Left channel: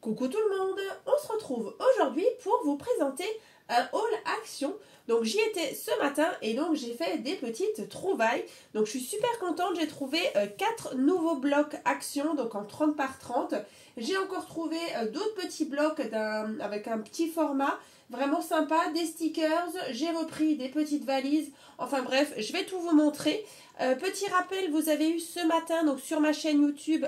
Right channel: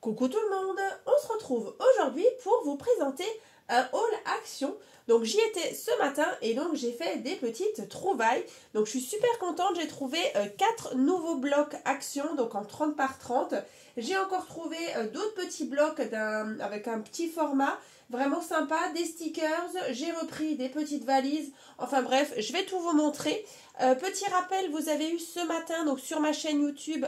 Coucou tout le monde, on se retrouve aujourd'hui pour vous présenter un haul action. Donc j'y étais ce matin et donc j'ai fait des petites trouvailles. Donc je suis super contente, j'ai trouvé 4 nouveaux blocs action, donc en 30 par 30. J'ai encore trouvé d'autres petits blocs avec un petit format, vraiment sympa, des stickers, j'ai repris des petites valises. Enfin bref, je vais tout vous montrer. Petit rappel, vous avez eu ce matin donc sur ma chaîne YouTube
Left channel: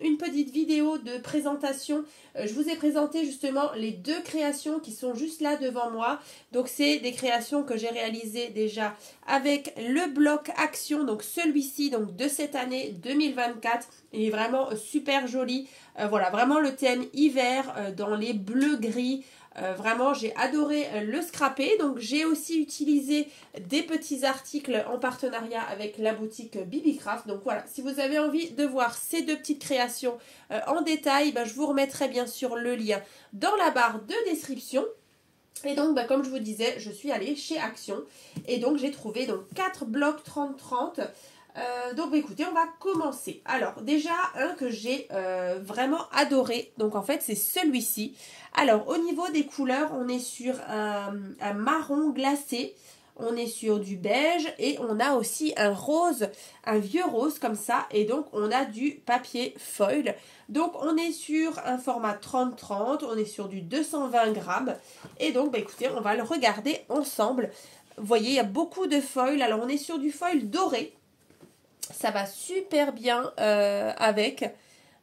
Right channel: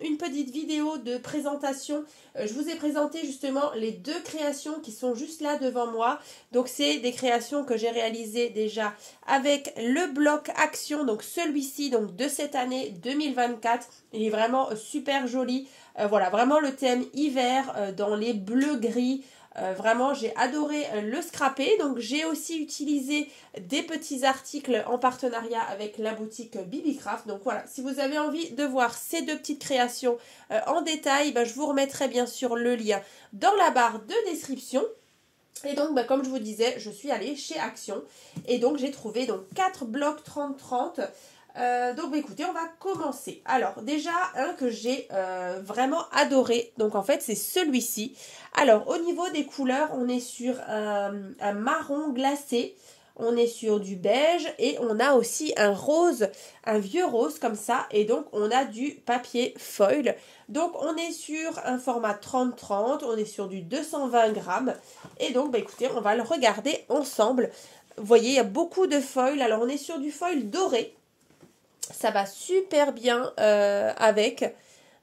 une petite vidéo de présentation. Je vous ai présenté justement les deux créations qui sont juste là devant moi. Donc c'est des créations que j'ai réalisées déjà avec le bloc action, donc celui-ci donc de cette année 2024. Il est vraiment super joli. Voilà, vraiment le thème hiver dans les bleus gris. Vraiment, j'ai adoré le scrapper. Donc, j'ai aussi utilisé des petits articles en partenariat avec la boutique Bibicraft. Donc, voilà, si vous avez envie de voir ces deux petites créations en détail, je vous remettrai bien sûr le lien dans la barre de description. Et donc, comme je vous disais, je suis allée chez Action. Et donc, j'ai trouvé donc 4 blocs 30-30. Donc écoutez, on va commencer. Alors déjà un que j'ai vraiment adoré, donc en fait c'est celui-ci. Alors au niveau des couleurs, on est sur un marron glacé, on est sur du beige et on a aussi un rose, un vieux rose comme ça, et donc on a du papier foil. Donc on est sur un format 30-30, on est sur du 220 grammes et donc écoutez, on va le regarder ensemble. Vous voyez, il y a beaucoup de foil. Alors on est sur du foil doré. Ça va super bien avec.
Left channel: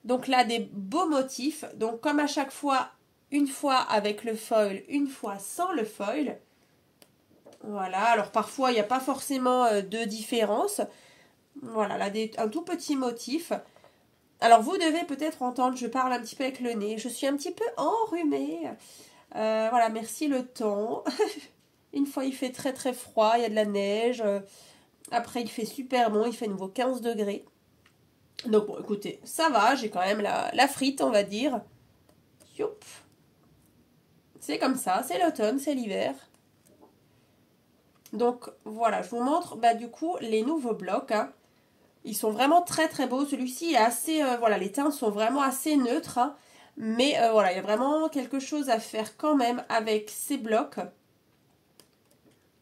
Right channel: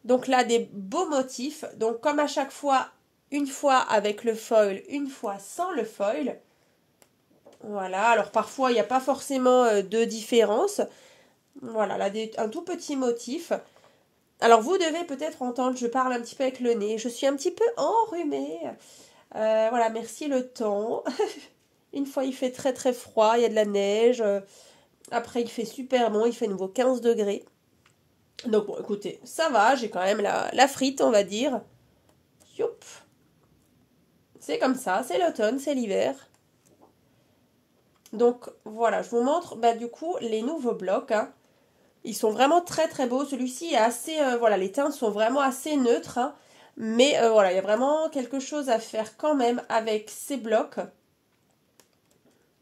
Donc là, des beaux motifs. Donc comme à chaque fois, une fois avec le foil, une fois sans le foil. Voilà, alors parfois, il n'y a pas forcément de différence. Voilà, là, un tout petit motif. Alors vous devez peut-être entendre, je parle un petit peu avec le nez. Je suis un petit peu enrhumée. Voilà, merci le temps. Une fois, il fait très très froid, il y a de la neige. Après, il fait super bon, il fait nouveau 15 degrés. Donc bon, écoutez, ça va, j'ai quand même la frite, on va dire. Youp. C'est comme ça, c'est l'automne, c'est l'hiver. Donc voilà, je vous montre du coup les nouveaux blocs. Hein. Ils sont vraiment très très beaux. Celui-ci est assez, voilà, les teintes sont vraiment assez neutres. Hein. Mais voilà, il y a vraiment quelque chose à faire quand même avec ces blocs.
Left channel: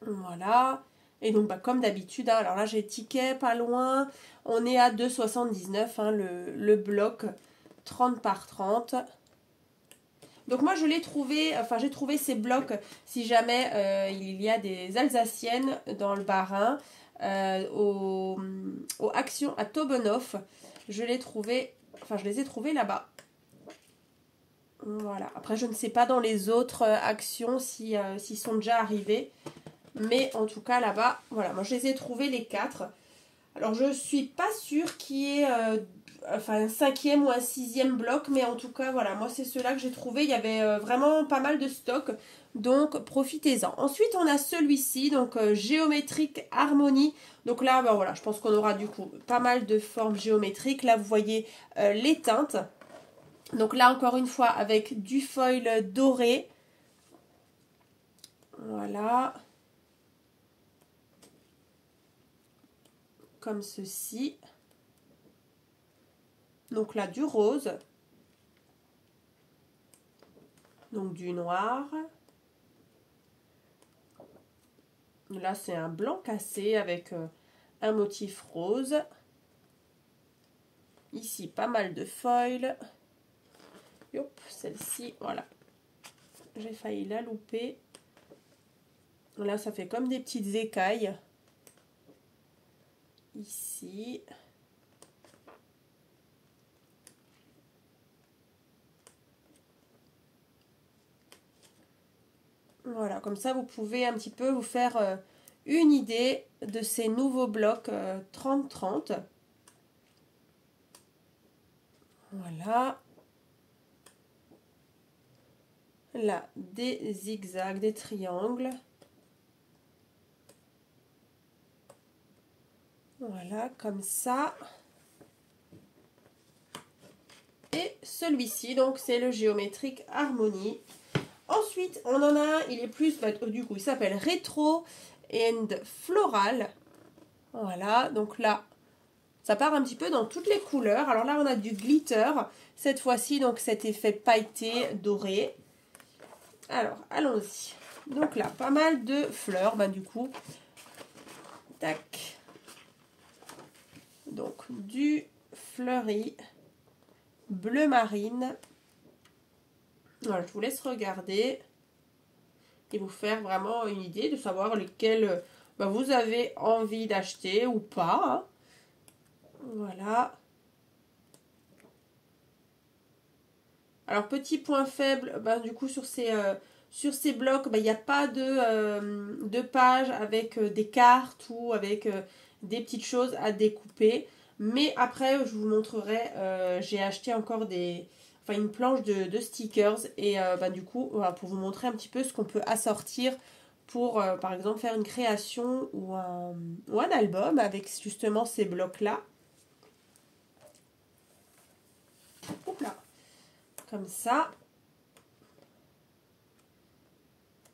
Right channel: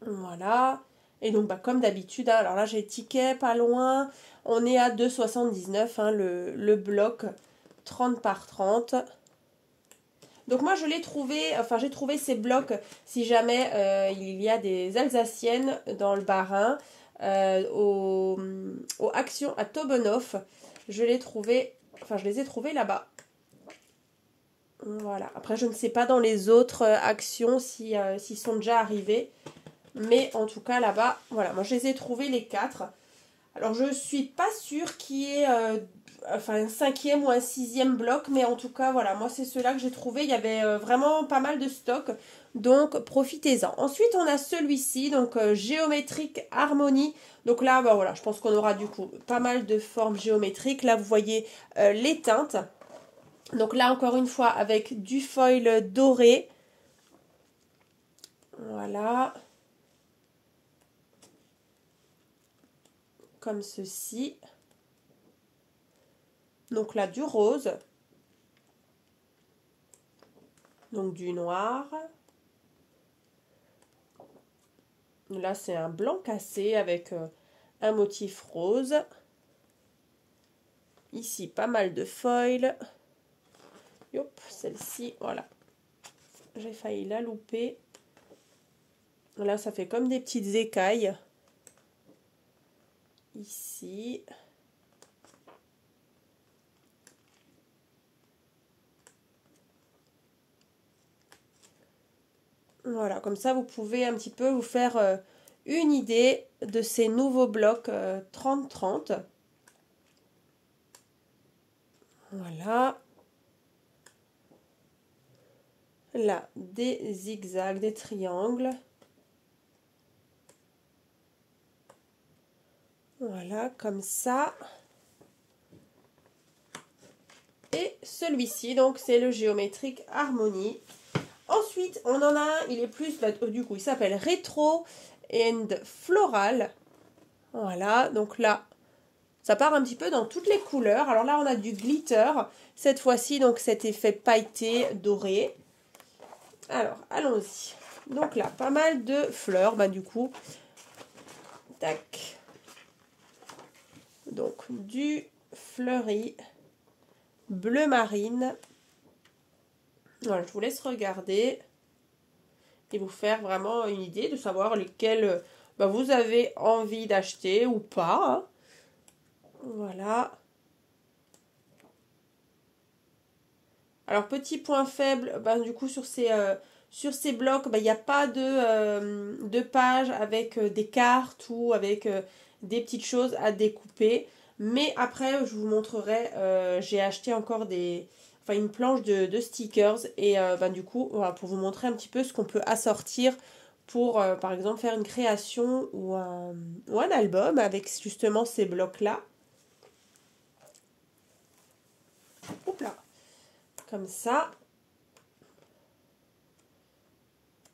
Voilà. Et donc comme d'habitude, hein, alors là j'ai ticket pas loin. On est à 2,79 hein, le bloc 30 par 30. Donc moi je l'ai trouvé, enfin j'ai trouvé ces blocs si jamais il y a des Alsaciennes dans le Bas-Rhin, au Action à Tobenoff. Je l'ai trouvé, enfin je les ai trouvés là-bas. Voilà. Après je ne sais pas dans les autres actions s'ils sont déjà arrivés. Mais en tout cas là-bas, voilà, moi je les ai trouvés les 4. Alors je suis pas sûre qu'il y ait un 5e ou un 6e bloc, mais en tout cas voilà, moi c'est ceux-là que j'ai trouvé. Il y avait vraiment pas mal de stock, donc profitez-en. Ensuite on a celui-ci, donc géométrique harmonie. Donc là, voilà, je pense qu'on aura du coup pas mal de formes géométriques. Là vous voyez les teintes. Donc là encore une fois avec du foil doré. Voilà. Comme ceci. Donc là, du rose. Donc du noir. Là, c'est un blanc cassé avec un motif rose. Ici, pas mal de foil. Hop, celle-ci, voilà. J'ai failli la louper. Là, ça fait comme des petites écailles. Ici. Voilà, comme ça, vous pouvez un petit peu vous faire une idée de ces nouveaux blocs 30-30. Voilà. Là, des zigzags, des triangles. Voilà, comme ça. Et celui-ci, donc, c'est le géométrique harmonie. Ensuite, on en a un, il est plus, du coup, il s'appelle Retro and Floral. Voilà, donc là, ça part un petit peu dans toutes les couleurs. Alors là, on a du glitter. Cette fois-ci, donc cet effet pailleté doré. Alors, allons-y. Donc là, pas mal de fleurs, bah du coup. Tac. Donc, du fleuri bleu marine. Voilà, je vous laisse regarder et vous faire vraiment une idée de savoir lesquels bah, vous avez envie d'acheter ou pas. Hein. Voilà. Alors, petit point faible, bah, du coup, sur ces blocs, bah, il n'y a pas de page avec des cartes ou avec des petites choses à découper. Mais après, je vous montrerai, j'ai acheté encore une planche de stickers. Et bah, du coup, voilà, pour vous montrer un petit peu ce qu'on peut assortir pour, par exemple, faire une création ou un album avec justement ces blocs-là. Hop là. Comme ça.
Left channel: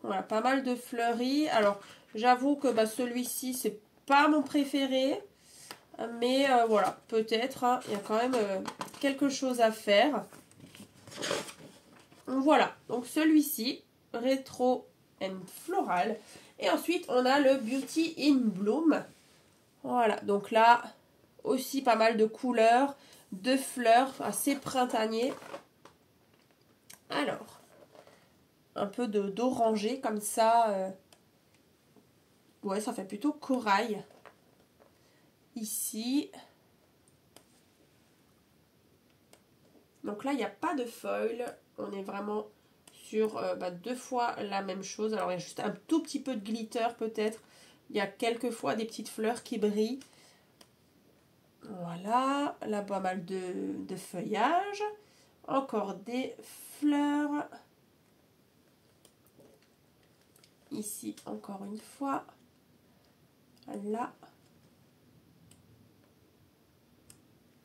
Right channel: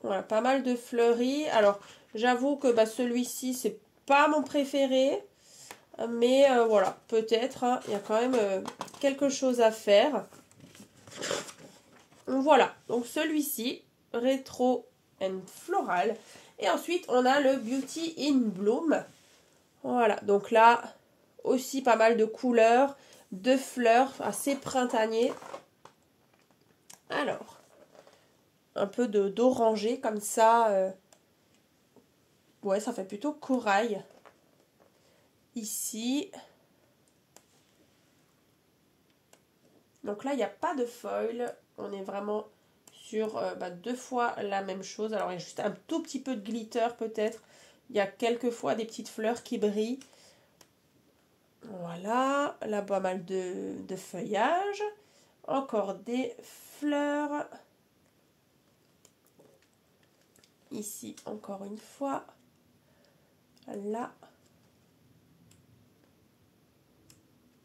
Voilà, pas mal de fleuris. Alors, j'avoue que bah, celui-ci, c'est pas mon préféré. Mais voilà, peut-être, hein, il y a quand même quelque chose à faire. Voilà, donc celui-ci, Retro and Floral. Et ensuite, on a le Beauty in Bloom. Voilà, donc là, aussi pas mal de couleurs, de fleurs, assez printanier. Alors, un peu d'orangé comme ça. Ouais, ça fait plutôt corail. Ici. Donc là, il n'y a pas de foil. On est vraiment sur deux fois la même chose. Alors, il y a juste un tout petit peu de glitter peut-être. Il y a quelques fois des petites fleurs qui brillent. Voilà. Là, pas mal de feuillage. Encore des fleurs. Ici, encore une fois. Là.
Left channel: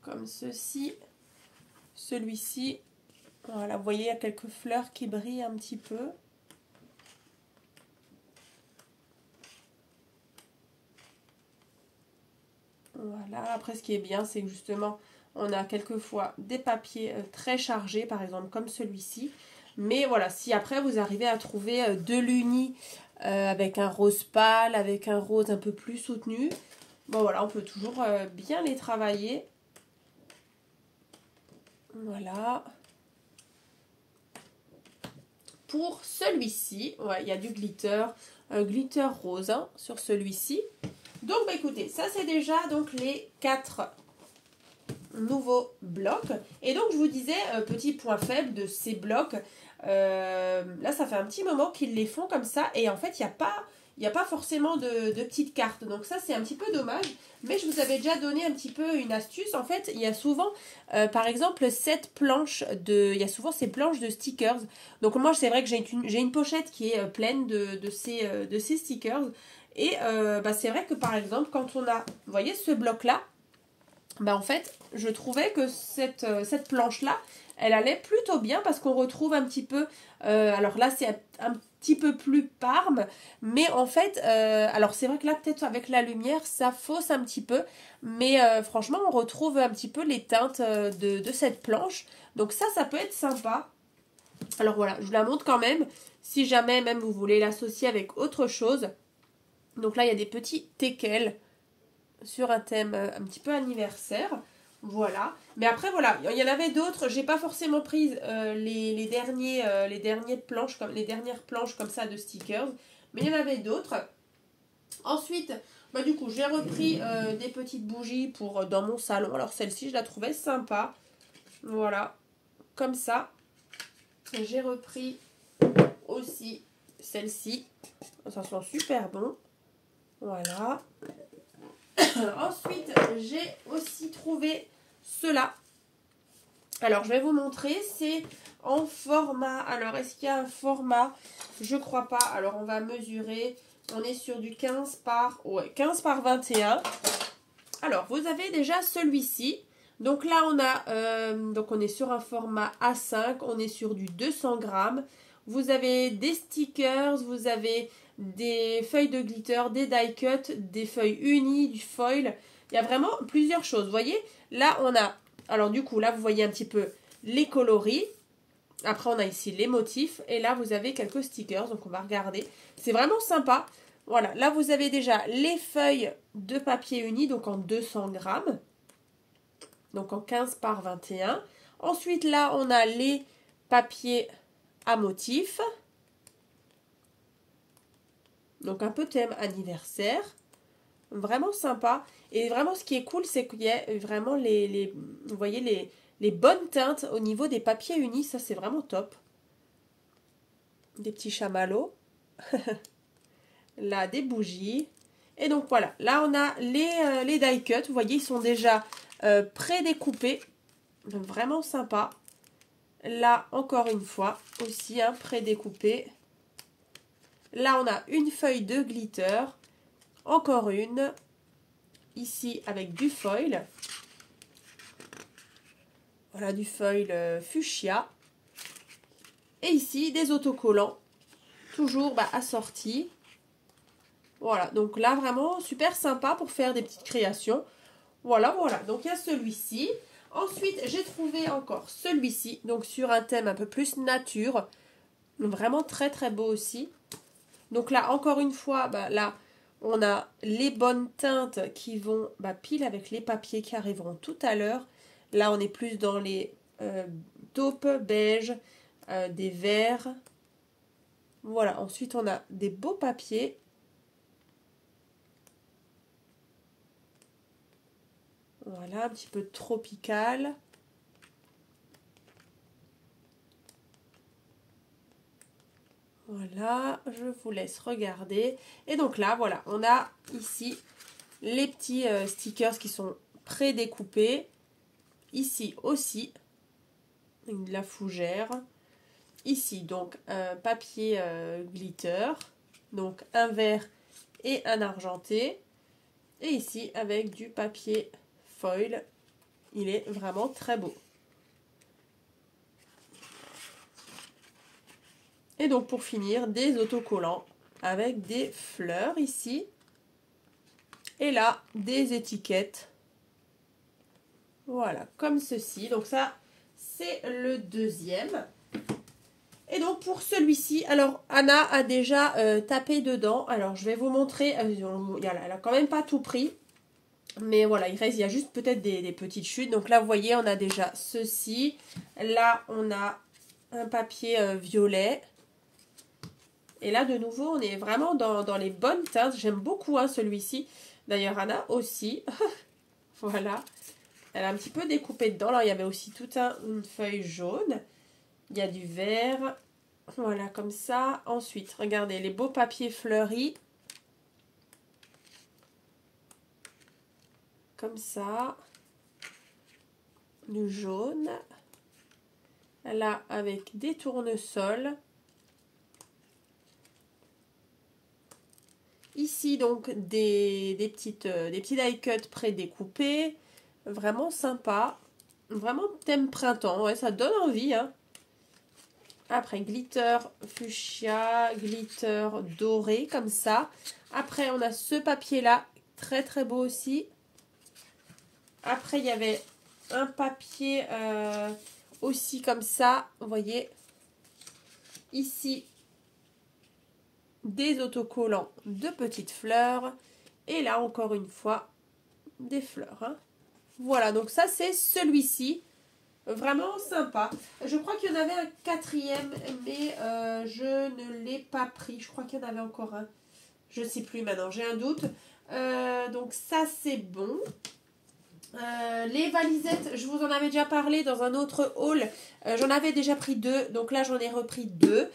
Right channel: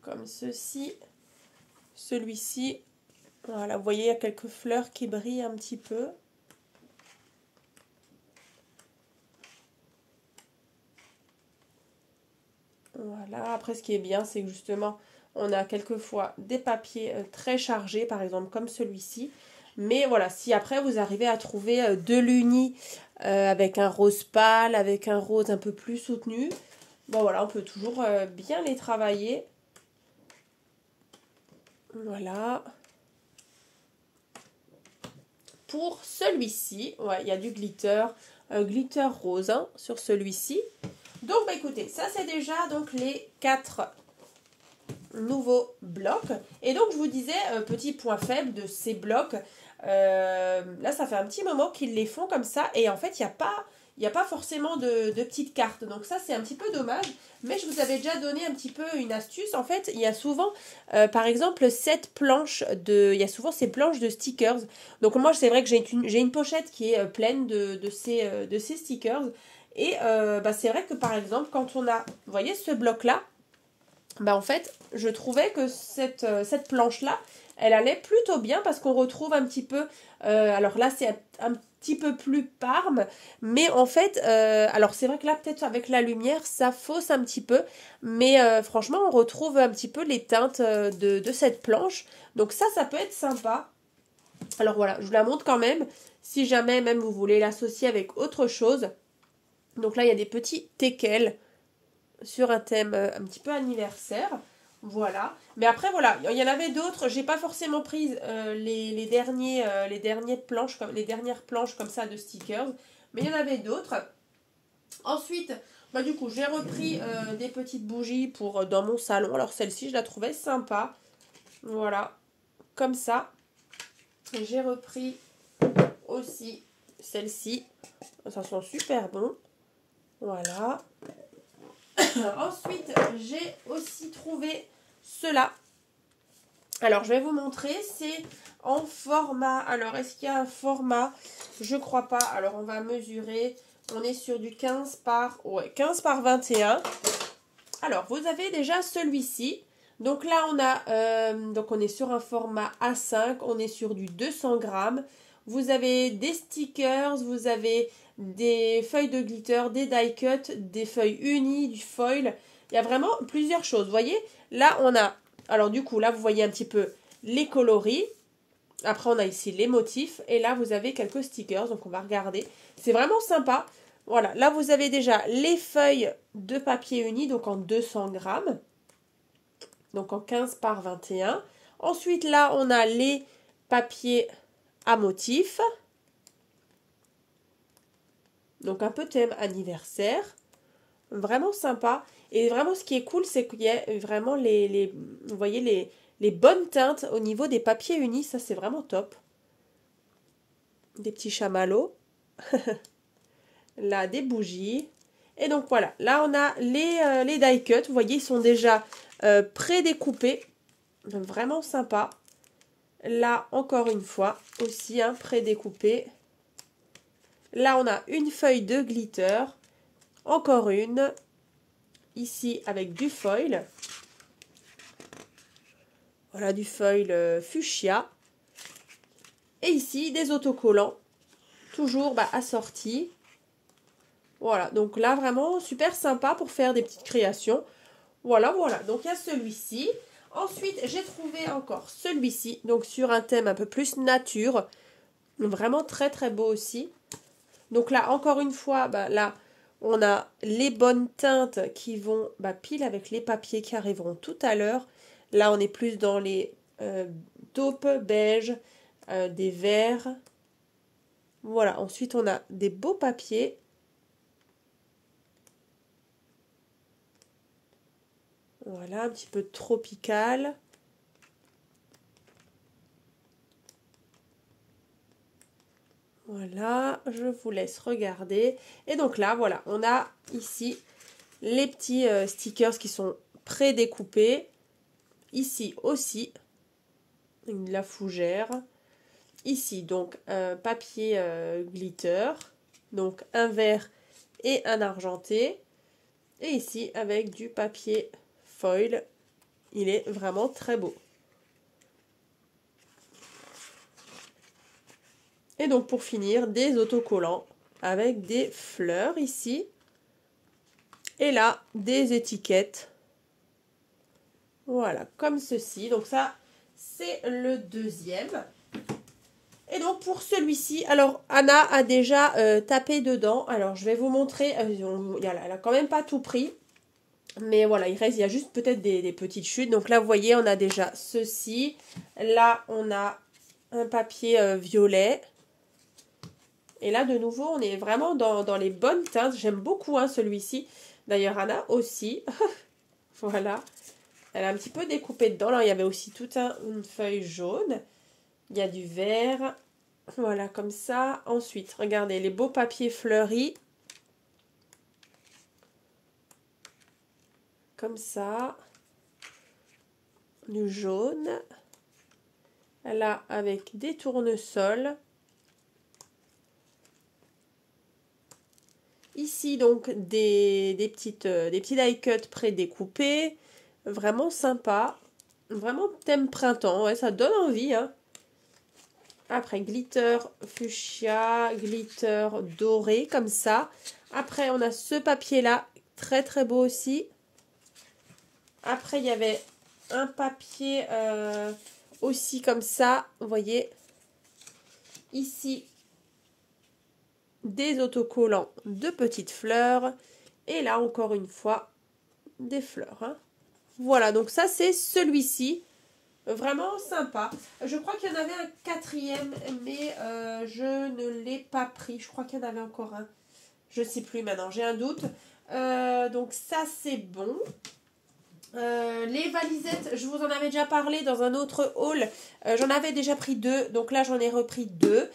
Comme ceci. Celui-ci, voilà, vous voyez, il y a quelques fleurs qui brillent un petit peu. Voilà, après ce qui est bien, c'est que justement, on a quelquefois des papiers très chargés, par exemple comme celui-ci. Mais voilà, si après vous arrivez à trouver de l'uni avec un rose pâle, avec un rose un peu plus soutenu, bon voilà, on peut toujours bien les travailler. Voilà. Pour celui-ci, ouais, il y a du glitter, glitter rose hein, sur celui-ci. Donc, bah, écoutez, ça c'est déjà donc les 4 nouveaux blocs. Et donc, je vous disais, petit point faible de ces blocs, là ça fait un petit moment qu'ils les font comme ça. Et en fait, il n'y a pas forcément de petites cartes. Donc ça, c'est un petit peu dommage. Mais je vous avais déjà donné un petit peu une astuce. En fait, il y a souvent, par exemple, il y a souvent ces planches de stickers. Donc moi, c'est vrai que j'ai une pochette qui est pleine de ces stickers. Et bah, c'est vrai que par exemple, quand on a, vous voyez ce bloc-là, bah en fait, je trouvais que cette planche-là, elle allait plutôt bien parce qu'on retrouve un petit peu, alors là c'est un petit peu plus parme, mais en fait, alors c'est vrai que là peut-être avec la lumière ça fausse un petit peu, mais franchement on retrouve un petit peu les teintes de cette planche, donc ça peut être sympa. Alors voilà, je vous la montre quand même, si jamais même vous voulez l'associer avec autre chose. Donc là il y a des petits teckels sur un thème un petit peu anniversaire. Voilà. Mais après, voilà, il y en avait d'autres. J'ai pas forcément pris les dernières planches comme ça de stickers. Mais il y en avait d'autres. Ensuite, bah, du coup, j'ai repris des petites bougies pour dans mon salon. Alors celle-ci, je la trouvais sympa. Voilà. Comme ça. J'ai repris aussi celle-ci. Ça sent super bon. Voilà. Ensuite, j'ai aussi trouvé cela. Alors, je vais vous montrer. C'est en format. Alors, est-ce qu'il y a un format? Je crois pas. Alors, on va mesurer. On est sur du 15 par 21. Alors, vous avez déjà celui-ci. Donc là, on est sur un format A5. On est sur du 200 grammes. Vous avez des stickers. Vous avez des feuilles de glitter, des die cut, des feuilles unies, du foil. Il y a vraiment plusieurs choses. Vous voyez, là, on a... Alors, du coup, là, vous voyez un petit peu les coloris. Après, on a ici les motifs. Et là, vous avez quelques stickers. Donc, on va regarder. C'est vraiment sympa. Voilà. Là, vous avez déjà les feuilles de papier uni. Donc, en 200 grammes. Donc, en 15 par 21. Ensuite, là, on a les papiers à motifs. Donc, un peu thème anniversaire. Vraiment sympa. Et vraiment, ce qui est cool, c'est qu'il y a vraiment vous voyez, les bonnes teintes au niveau des papiers unis. Ça, c'est vraiment top. Des petits chamallows. Là, des bougies. Et donc, voilà. Là, on a les die cut. Vous voyez, ils sont déjà pré-découpés. Donc, vraiment sympa. Là, encore une fois, aussi, hein, pré-découpé. Là, on a une feuille de glitter. Encore une. Ici, avec du foil. Voilà, du foil fuchsia. Et ici, des autocollants. Toujours assortis. Voilà, donc là, vraiment super sympa pour faire des petites créations. Voilà, voilà. Donc, il y a celui-ci. Ensuite, j'ai trouvé encore celui-ci. Donc, sur un thème un peu plus nature. Vraiment très, très beau aussi. Donc là, encore une fois, là, on a les bonnes teintes qui vont pile avec les papiers qui arriveront tout à l'heure. Là, on est plus dans les taupes beige, des verts. Voilà, ensuite, on a des beaux papiers. Voilà, un petit peu tropical. Voilà, je vous laisse regarder. Et donc là, voilà, on a ici les petits stickers qui sont pré-découpés. Ici aussi, la fougère. Ici, donc, un papier glitter. Donc, un vert et un argenté. Et ici, avec du papier foil. Il est vraiment très beau. Et donc, pour finir, des autocollants avec des fleurs ici. Et là, des étiquettes. Voilà, comme ceci. Donc ça, c'est le deuxième. Et donc, pour celui-ci, alors, Anna a déjà tapé dedans. Alors, je vais vous montrer. Elle a quand même pas tout pris. Mais voilà, il y a juste peut-être des petites chutes. Donc là, vous voyez, on a déjà ceci. Là, on a un papier violet. Et là, de nouveau, on est vraiment dans les bonnes teintes. J'aime beaucoup celui-ci. D'ailleurs, Anna aussi. Voilà. Elle a un petit peu découpé dedans. Alors, il y avait aussi toute une feuille jaune. Il y a du vert. Voilà, comme ça. Ensuite, regardez, les beaux papiers fleuris. Comme ça. Du jaune. Là, avec des tournesols. Ici, donc, des petits die cut pré-découpés. Vraiment sympa. Vraiment thème printemps. Ouais, ça donne envie. Hein. Après, glitter fuchsia, glitter doré, comme ça. Après, on a ce papier-là. Très, très beau aussi. Après, il y avait un papier aussi comme ça. Vous voyez. Ici, des autocollants de petites fleurs. Et là, encore une fois, des fleurs. Hein. Voilà, donc ça, c'est celui-ci. Vraiment sympa. Je crois qu'il y en avait un quatrième, mais je ne l'ai pas pris. Je crois qu'il y en avait encore un. Je ne sais plus maintenant, j'ai un doute. Donc ça, c'est bon. Les valisettes, je vous en avais déjà parlé dans un autre haul. J'en avais déjà pris 2, donc là, j'en ai repris 2.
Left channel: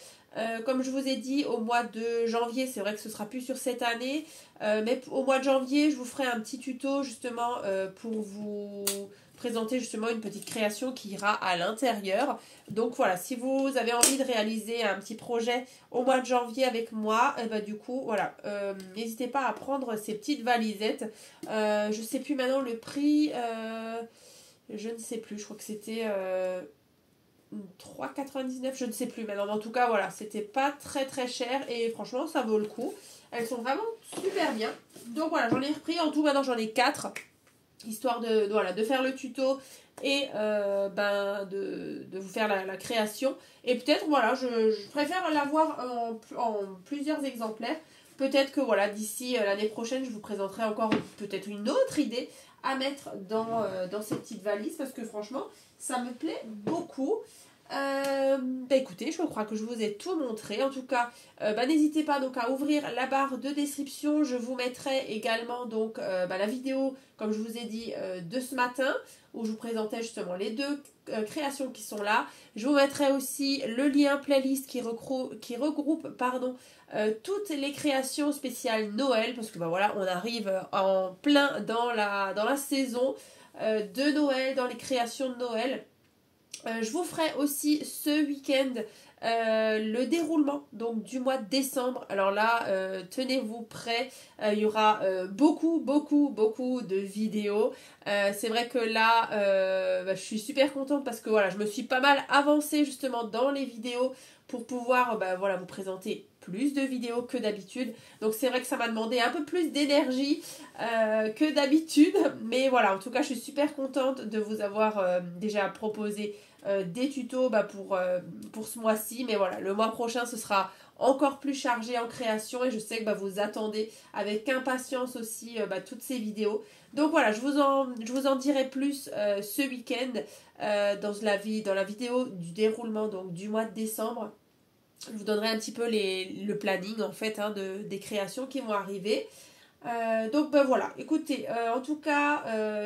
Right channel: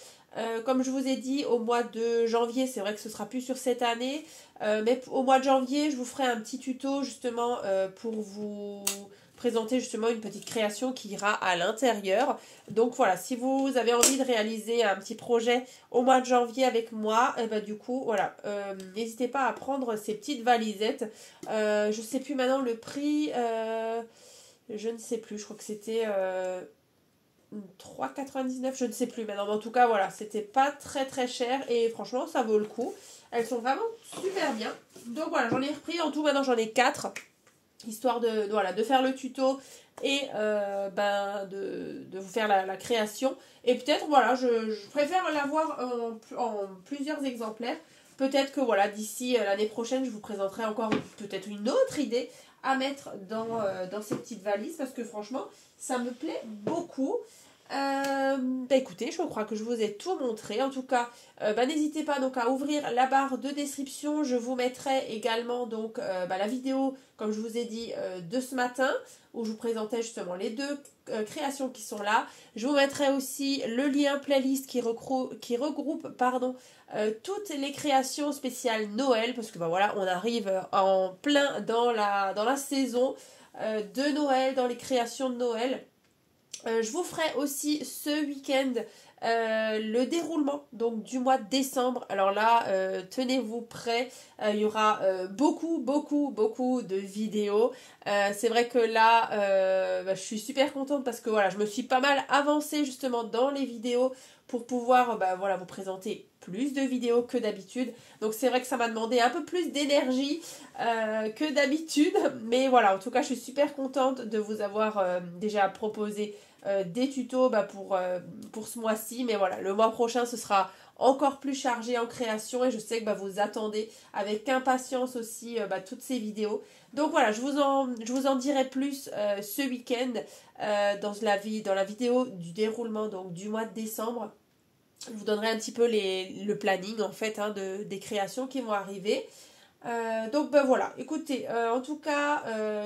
Comme je vous ai dit, au mois de janvier, c'est vrai que ce sera plus sur cette année, mais au mois de janvier, je vous ferai un petit tuto justement pour vous présenter justement une petite création qui ira à l'intérieur. Donc voilà, si vous avez envie de réaliser un petit projet au mois de janvier avec moi, du coup, voilà, n'hésitez pas à prendre ces petites valisettes. Je ne sais plus maintenant le prix, je ne sais plus, je crois que c'était 3,99, je ne sais plus maintenant, mais en tout cas voilà, c'était pas très très cher et franchement ça vaut le coup. Elles sont vraiment super bien. Donc voilà, j'en ai repris, en tout maintenant j'en ai 4, histoire de faire le tuto et de vous faire la création. Et peut-être, voilà, je préfère l'avoir en plusieurs exemplaires. Peut-être que voilà, d'ici l'année prochaine, je vous présenterai encore peut-être une autre idée à mettre dans ces petites valises parce que franchement, ça me plaît beaucoup. Écoutez, je crois que je vous ai tout montré. En tout cas, n'hésitez pas donc à ouvrir la barre de description. Je vous mettrai également donc la vidéo, comme je vous ai dit, de ce matin où je vous présentais justement les deux créations qui sont là. Je vous mettrai aussi le lien playlist qui regroupe toutes les créations spéciales Noël parce que voilà, on arrive en plein dans la saison de Noël, dans les créations de Noël. Je vous ferai aussi ce week-end le déroulement donc du mois de décembre. Alors là, tenez-vous prêts, il y aura beaucoup de vidéos. C'est vrai que là, je suis super contente parce que voilà, je me suis pas mal avancée justement dans les vidéos pour pouvoir vous présenter plus de vidéos que d'habitude. Donc c'est vrai que ça m'a demandé un peu plus d'énergie que d'habitude. Mais voilà, en tout cas, je suis super contente de vous avoir déjà proposé des tutos pour ce mois-ci. Mais voilà, le mois prochain, ce sera encore plus chargé en création et je sais que vous attendez avec impatience aussi toutes ces vidéos. Donc voilà, je vous en dirai plus ce week-end dans la vidéo du déroulement donc, du mois de décembre. Je vous donnerai un petit peu le planning en fait des créations qui vont arriver. Donc voilà, écoutez, en tout cas,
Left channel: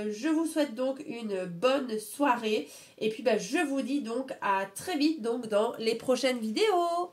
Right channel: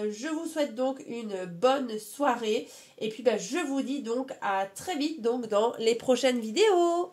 je vous souhaite donc une bonne soirée et puis je vous dis donc à très vite donc dans les prochaines vidéos.